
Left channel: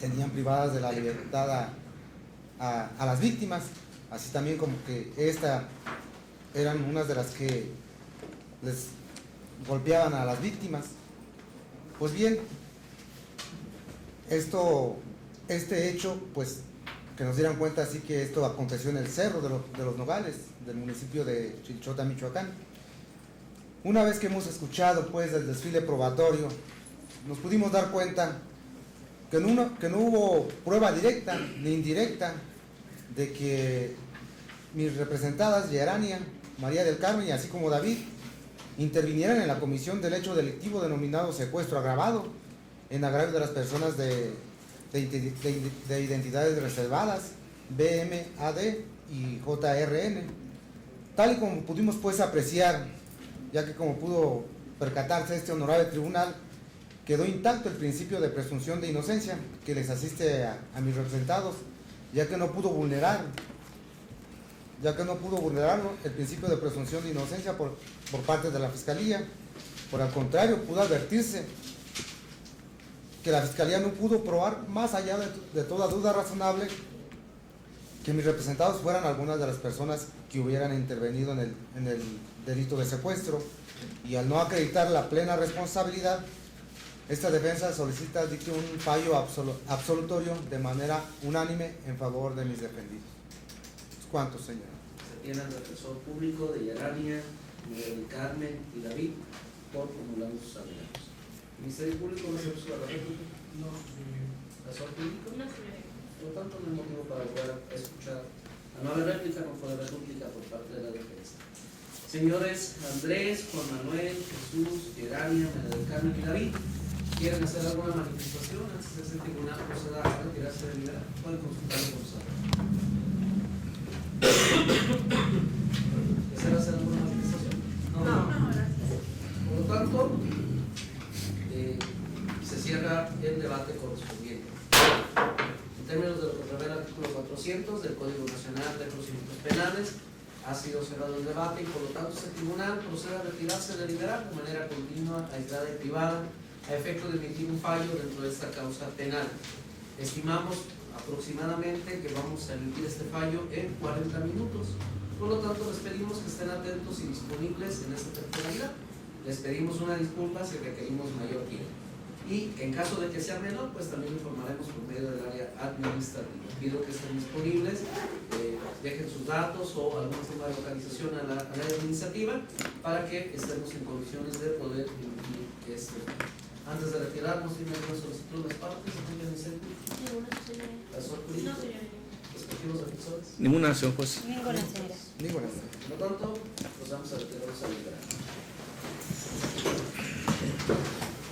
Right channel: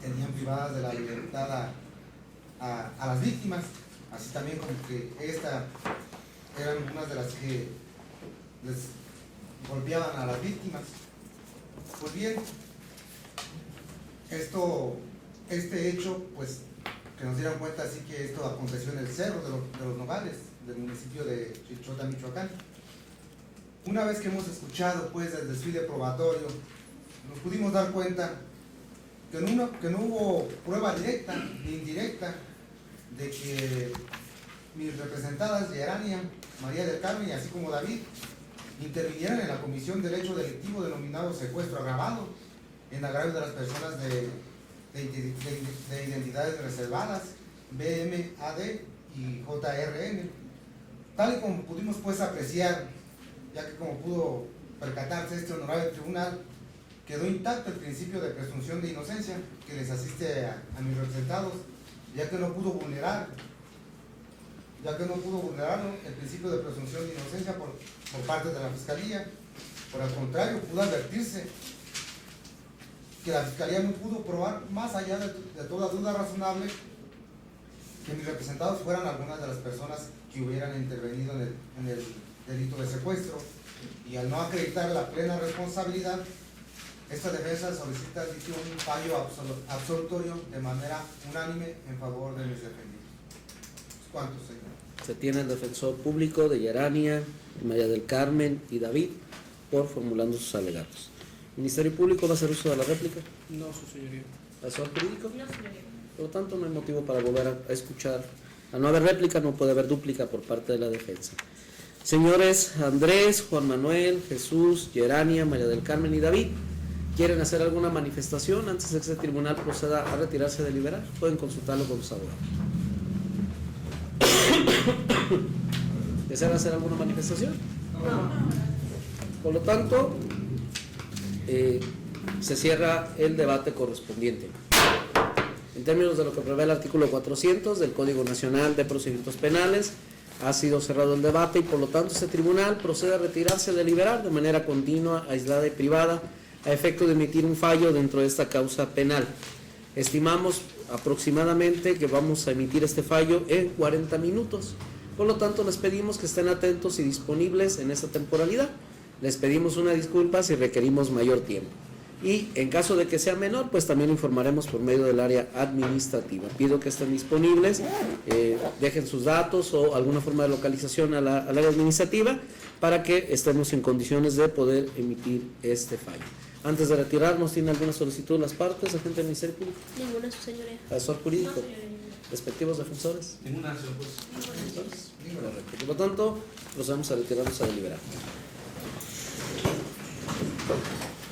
tenían privadas de la libertad a las víctimas, así también como que eran unas de las que les golpeaban a las víctimas. Pues bien, este hecho, pues, que nos dieran cuenta, así que esto aconteció en el Cerro de los Nogales, del municipio de Chilchota, Michoacán. Una vez que hemos escuchado, pues, el desfile probatorio, nos pudimos dar cuenta que no hubo prueba directa ni indirecta de que mis representadas, Yerania, María del Carmen y así como David, intervinieran en la comisión del hecho delictivo denominado secuestro agravado en agravio de las personas de identidades reservadas, BMAD y JRN, tal y como pudimos, pues, apreciar, ya que como pudo percatarse este honorable tribunal, quedó intacto el principio de presunción de inocencia que les asiste a mis representados, ya que no pudo vulnerarlo el principio de presunción de inocencia por parte de la Fiscalía. Por el contrario, pudo advertirse que la Fiscalía no pudo probar, más allá de toda duda razonable, que mis representados fueran algunas de las personas que hubieran intervenido en el delito de secuestro, y al no acreditar la plena responsabilidad, esta defensa solicita un fallo absolutorio de manera unánime en favor de mis defendidos. ¿Cuántos, señor? Se tiene el defensor público de Yerania, María del Carmen y David por formulando sus alegatos. ¿El Ministerio Público va a hacer uso de la réplica? No, su señoría. ¿Asesor jurídico? No, señoría. Por lo tanto, no hay motivo para volver a escuchar. Al no haber réplica, no puede haber dúplica por parte de la defensa. Señores Andrés, Juan Manuel, Jesús, Yerania, María del Carmen y David, ¿quieren hacer alguna manifestación antes de que este tribunal proceda a retirarse de deliberar? Pueden consultarlo con los abogados. ¿Desean hacer alguna manifestación? No. Por lo tanto, se cierra el debate correspondiente. En términos de lo que prevé el artículo 400 del Código Nacional de Procedimientos Penales, ha sido cerrado el debate y por lo tanto este tribunal procede a retirarse de deliberar de manera continua, aislada y privada a efecto de emitir un fallo dentro de esta causa penal. Estimamos aproximadamente que vamos a emitir este fallo en 40 minutos. Por lo tanto, les pedimos que estén atentos y disponibles en esta temporalidad. Les pedimos una disculpa si requerimos mayor tiempo. Y en caso de que sea menor, pues también informaremos por medio del área administrativa. Pido que estén disponibles, dejen sus datos o alguna forma de localización al área administrativa para que estemos en condiciones de poder emitir este fallo. Antes de retirarnos, ¿tiene alguna solicitud de las partes, agente del Ministerio Público? Ninguna, su señoría. ¿Asesor jurídico? No, señoría. ¿Respectivos defensores? Ninguna acción, pues. Ninguna, señoría. Ninguna. Por lo tanto, procedemos a retirarnos a deliberar.